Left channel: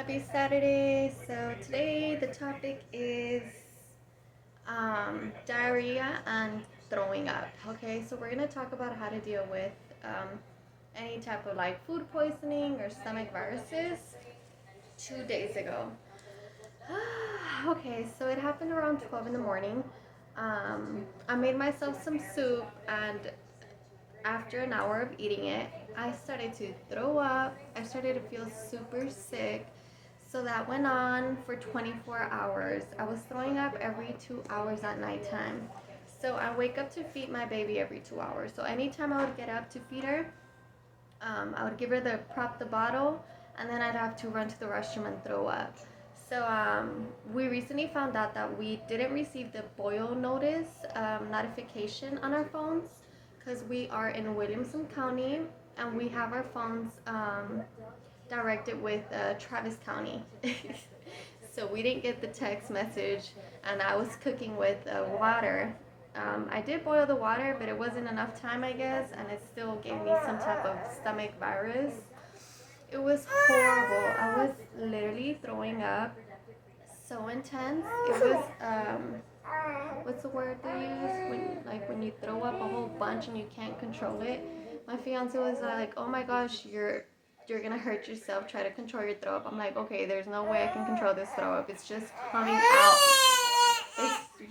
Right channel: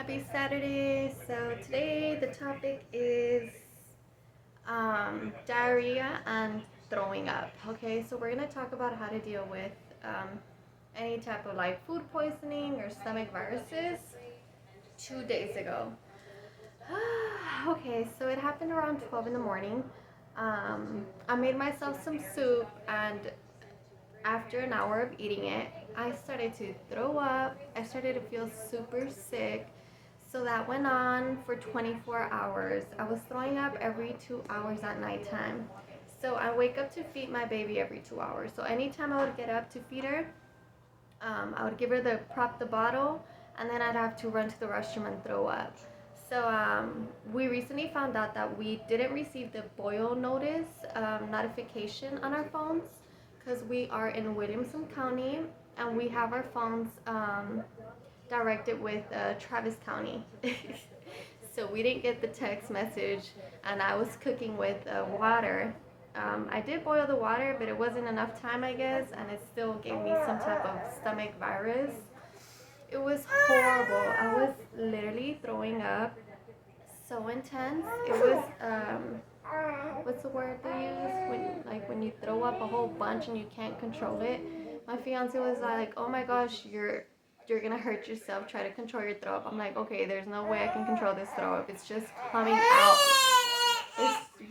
Happy Saturday. So today the topic is diarrhea and throwing up. Okay, so we're gonna talk about how to deal with any type of like food poisoning or stomach viruses. 2 days ago. Okay, so it happened around 12 in the morning. I made myself some soup, and after an hour of eating it, I started to throw up. I started to feel super sick. So that went on for 24 hours. I was throwing up every 2 hours at nighttime. So I wake up to feed my baby every 2 hours. So anytime I would get up to feed her, I would give her the bottle, and then I'd have to run to the restroom and throw up. So we recently found out that we didn't receive the boil notice notification on our phones because we are in Williamson County and we have our phones directed with Travis County. So we didn't get the text message, and I was cooking with water. I did boil the water, but it wasn't enough time, I guess, and it still gave me some type of stomach virus. It was horrible. I was literally throwing up so intense. It was what's the word they use when you throw up a whole bunch and you can't control it. My fiance was like, "Oh my gosh, you're gonna hurt yourself. Try to control your throw up." I'm like, "Okay, there's no way I can control this throw up. It's just coming out."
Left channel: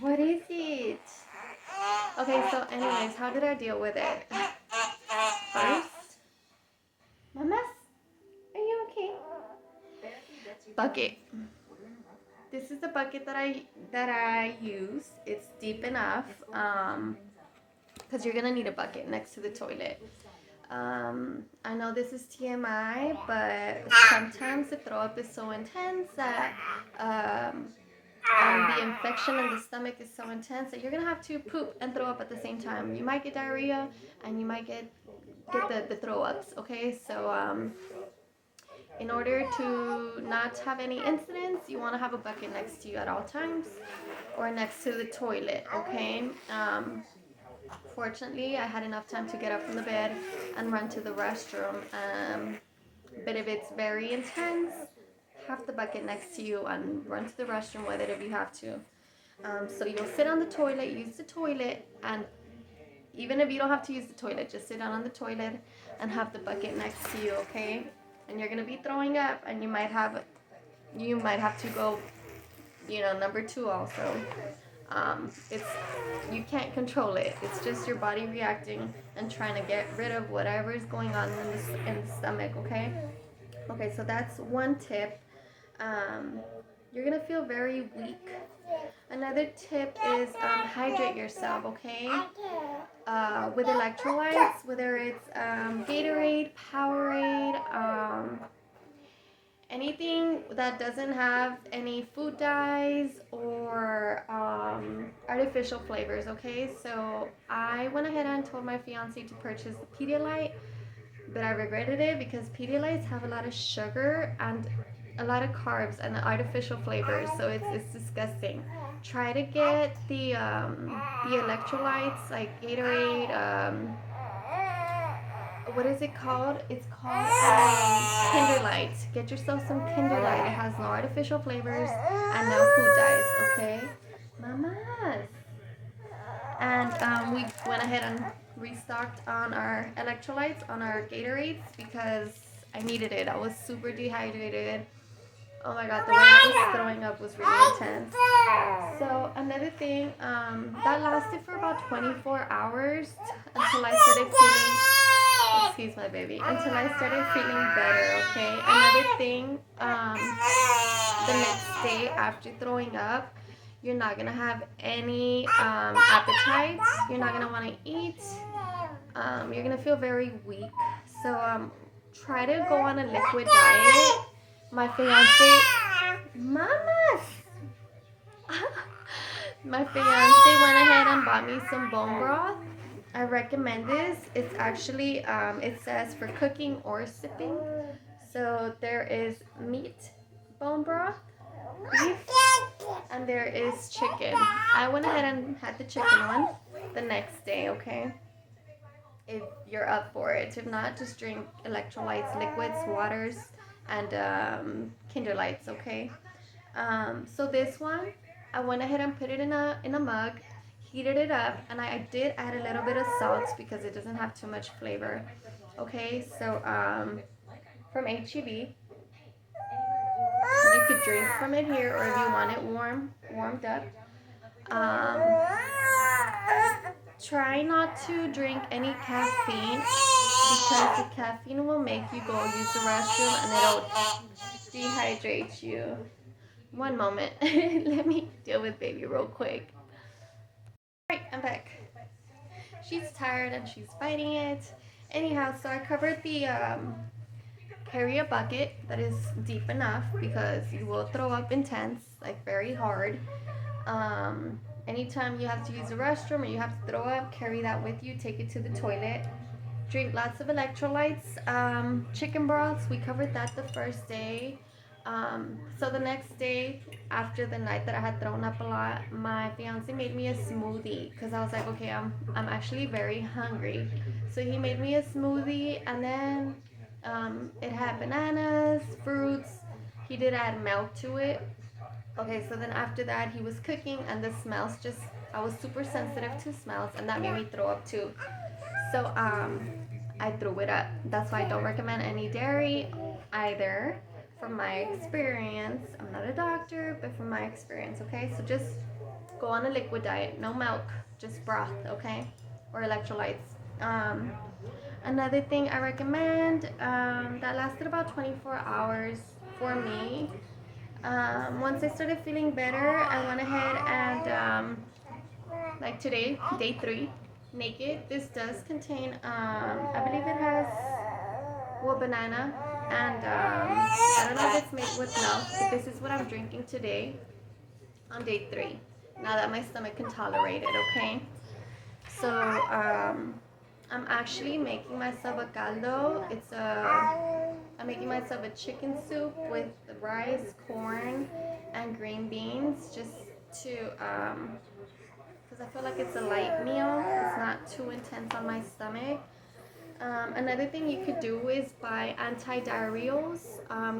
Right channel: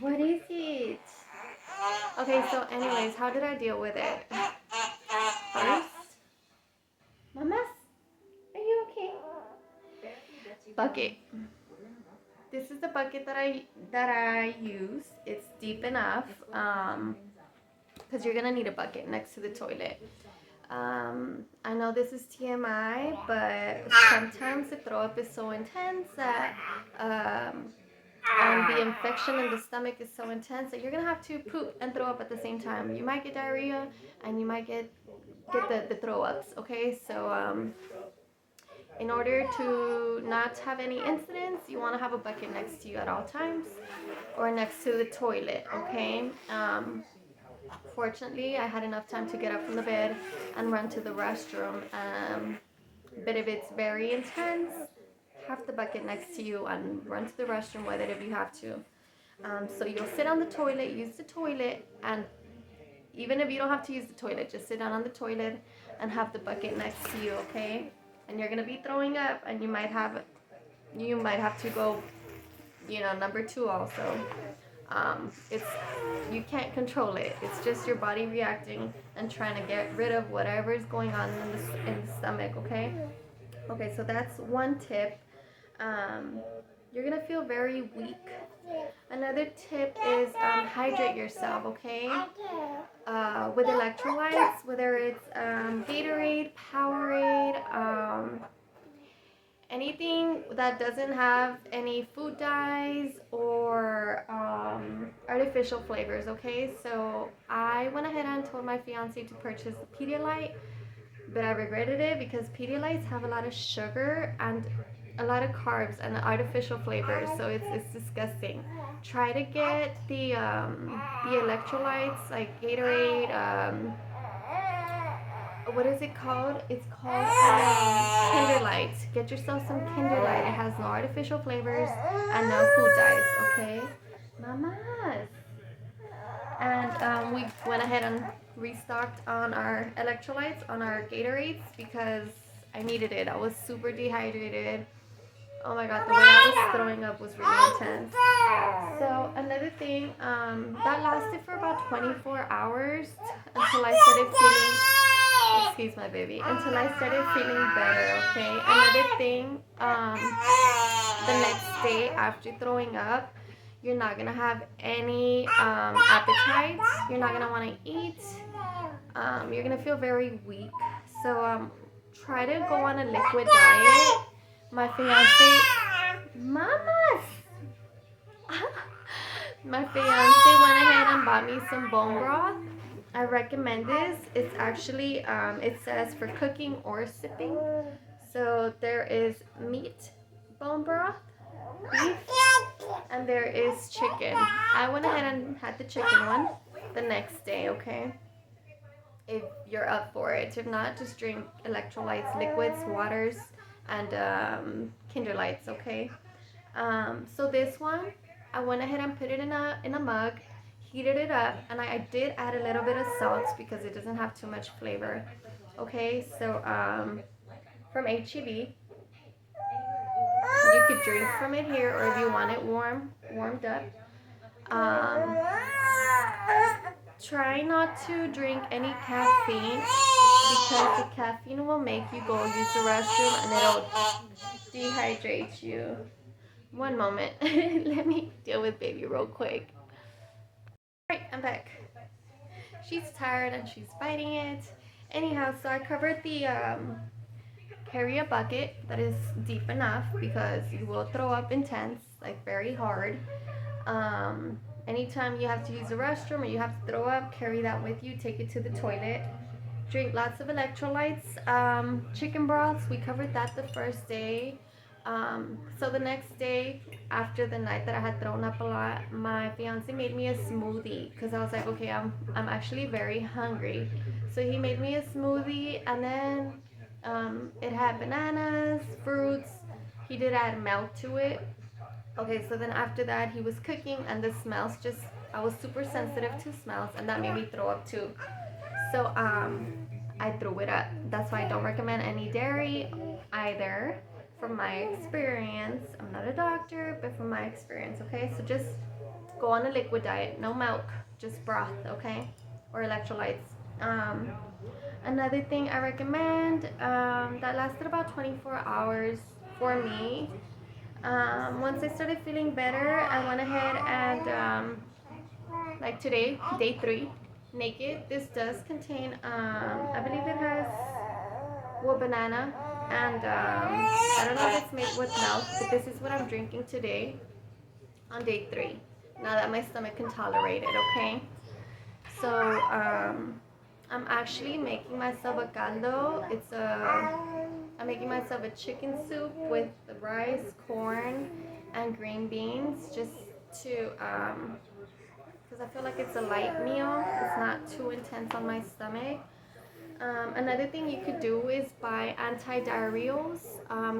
What is it? Okay, so anyways, how did I deal with it? First, Mamas, are you okay? Bucket. This is the bucket that I use. It's deep enough because you're gonna need a bucket next to the toilet. I know this is TMI, but sometimes the throw up is so intense that and the infection in the stomach is so intense that you're gonna have to poop and throw up at the same time. You might get diarrhea and you might get the throw ups. Okay, so in order to not have any incidents, you want to have a bucket next to you at all times or next to the toilet. Okay. Fortunately, I had enough time to get up from the bed and run to the restroom. But if it's very intense, have the bucket next to you and run to the restroom with it if you have to. So you'll sit on the toilet, use the toilet, and even if you don't have to use the toilet, just sit down on the toilet and have the bucket next to you, okay? And you're gonna be throwing up, and you might have to go, number two also. It's you can't control it. It's just your body reacting and trying to get rid of whatever is going on in the stomach, okay? Okay, so that's one tip. You're gonna feel very weak. Another tip is hydrate yourself, okay? With electrolytes, whether it's Gatorade, Powerade, anything that doesn't have any food dyes or artificial flavors, okay? So I went ahead and told my fiance to purchase the Pedialyte, but I regretted it because Pedialytes have a lot of sugar and a lot of carbs and artificial flavors, so it's disgusting. Try to get the electrolytes like Gatorade. What is it called? It's called Kinder Light. Get yourself some Kinder Light. It has no artificial flavors and no food dyes. Okay, mamas. And we went ahead and restocked on our electrolytes, on our Gatorades, because I needed it. I was super dehydrated. Oh my god, the way I was throwing up was really intense. So another thing, that lasted for about 24 hours until I started feeling, excuse my baby, until I started feeling better, okay? Another thing, the next day after throwing up, you're not gonna have any appetite. You're not gonna want to eat. You're gonna feel very weak. So try to go on a liquid diet. My fiance, mamas. My fiance went ahead and bought me some bone broth. I recommend this. It's actually it says for cooking or sipping. So there is meat bone broth, beef, and there is chicken. I went ahead and had the chicken one the next day, okay? If you're up for it. If not, just drink electrolytes, liquids, waters, and Kinder Lights, okay? So this one, I went ahead and put it in a mug, heated it up, and I did add a little bit of salt because it doesn't have too much flavor. Okay, so from HEB, you could drink from it here, or if you want it warmed up. Um, Try not to drink any caffeine because the caffeine will make you go use the restroom and it'll dehydrate you. One moment. Let me deal with baby real quick. Alright, I'm back. She's tired and she's fighting it. Anyhow, so I covered the carry a bucket that is deep enough because you will throw up intense, like very hard. Anytime you have to use the restroom or you have to throw up, carry that with you. Take it to the toilet. Drink lots of electrolytes. Chicken broths, we covered that the first day. So the next day, after the night that I had thrown up a lot, my fiance made me a smoothie because I was like, okay, I'm actually very hungry. So he made me a smoothie, and then it had bananas, fruits. He did add milk to it. Okay, so then after that, he was cooking, and the smells just, I was super sensitive to smells, and that made me throw up too. So I threw it up. That's why I don't recommend any dairy either, from my experience. I'm not a doctor, but from my experience, okay? So just go on a liquid diet, no milk, just broth, okay? Or electrolytes. Another thing I recommend that lasted about 24 hours for me. Once I started feeling better, I went ahead and like today, day 3, naked. This does contain, I believe it has, well, banana, and I don't know if it's made with milk, but this is what I'm drinking today on day 3. Now that my stomach can tolerate it, okay? So I'm actually making myself a caldo. I'm making myself a chicken soup with rice, corn, and green beans, just to because I feel like it's a light meal. It's not too intense on my stomach. Another thing you could do is buy anti-diarrheals.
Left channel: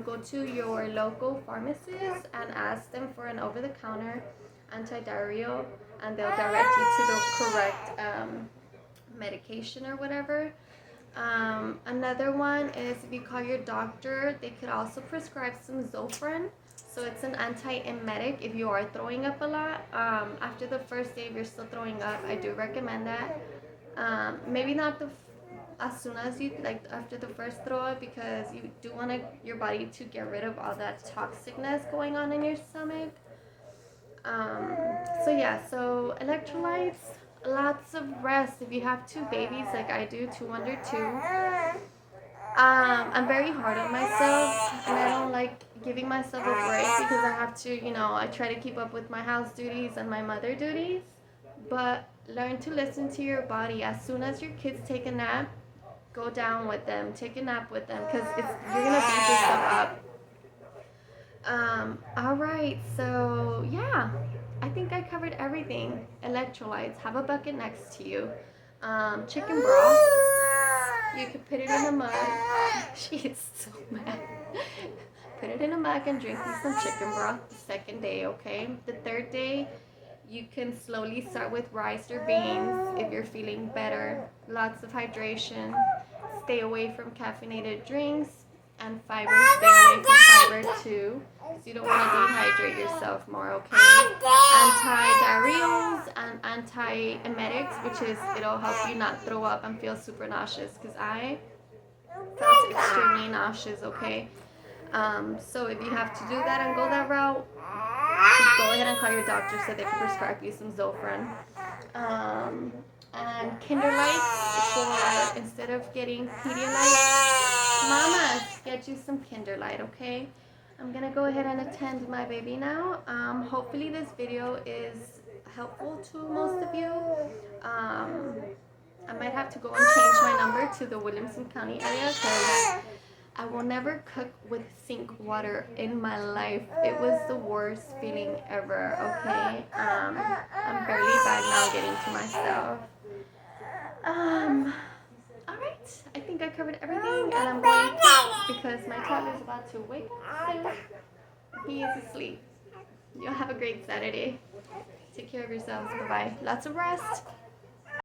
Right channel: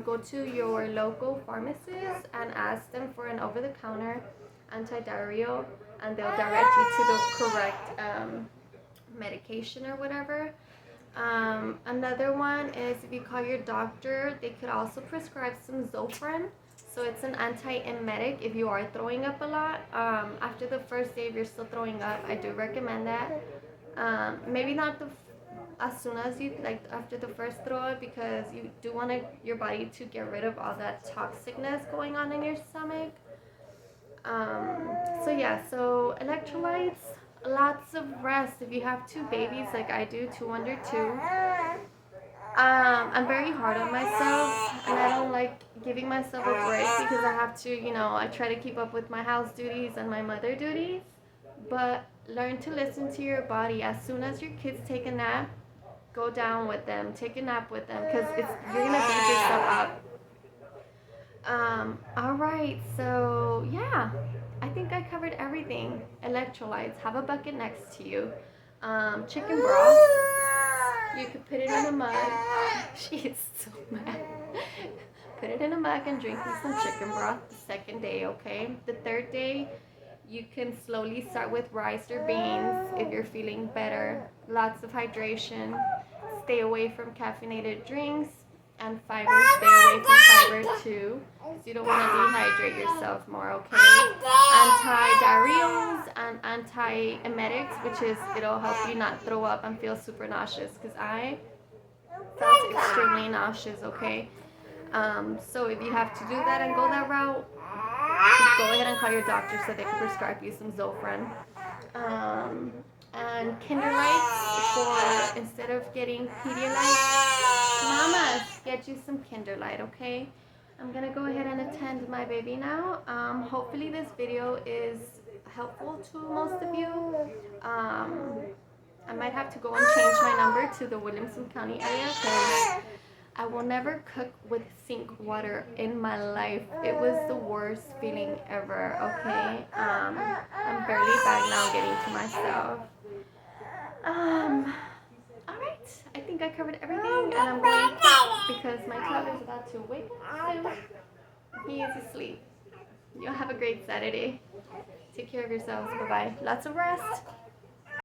Go to your local pharmacist and ask them for an over-the-counter anti-diarrheal, and they'll direct you to the correct medication or whatever. Another one is if you call your doctor, they could also prescribe some Zofran. So it's an anti-emetic if you are throwing up a lot. After the first day, if you're still throwing up, I do recommend that. Maybe not as soon as you, like after the first throw up, because you do want your body to get rid of all that toxicness going on in your stomach. So yeah, so electrolytes, lots of rest. If you have 2 babies like I do, 2 under 2, I'm very hard on myself, and I don't like giving myself a break because I have to, I try to keep up with my house duties and my mother duties. But learn to listen to your body. As soon as your kids take a nap, go down with them, take a nap with them, because you're gonna beat yourself up. All right, so yeah, I think I covered everything. Electrolytes, have a bucket next to you. Chicken broth, you could put it in a mug. She is so mad. Put it in a mug and drink you some chicken broth the second day, okay? The third day, you can slowly start with rice or beans if you're feeling better. Lots of hydration. Stay away from caffeinated drinks, and fiber. Stay away from fiber too, because you don't want to dehydrate yourself more, okay? Anti-Diarrheals and anti-emetics, which is it'll help you not throw up and feel super nauseous, because I felt extremely nauseous, okay? So if you have to do that and go that route, just go ahead and call your doctor so they can prescribe you some Zofran. And Kinder Lights, for instead of getting Pedialyte, Mama, get you some Kinder Light, okay? I'm gonna go ahead and attend my baby now. Hopefully this video is helpful to most of you. I might have to go and change my number to the Williamson County area, because I will never cook with sink water in my life. It was the worst feeling ever, okay? I'm barely back now getting to myself. Alright, I think I covered everything, and I'm going quick because my toddler is about to wake up soon. He is asleep. You'll have a great Saturday. Take care of yourselves. Bye-bye. Lots of rest.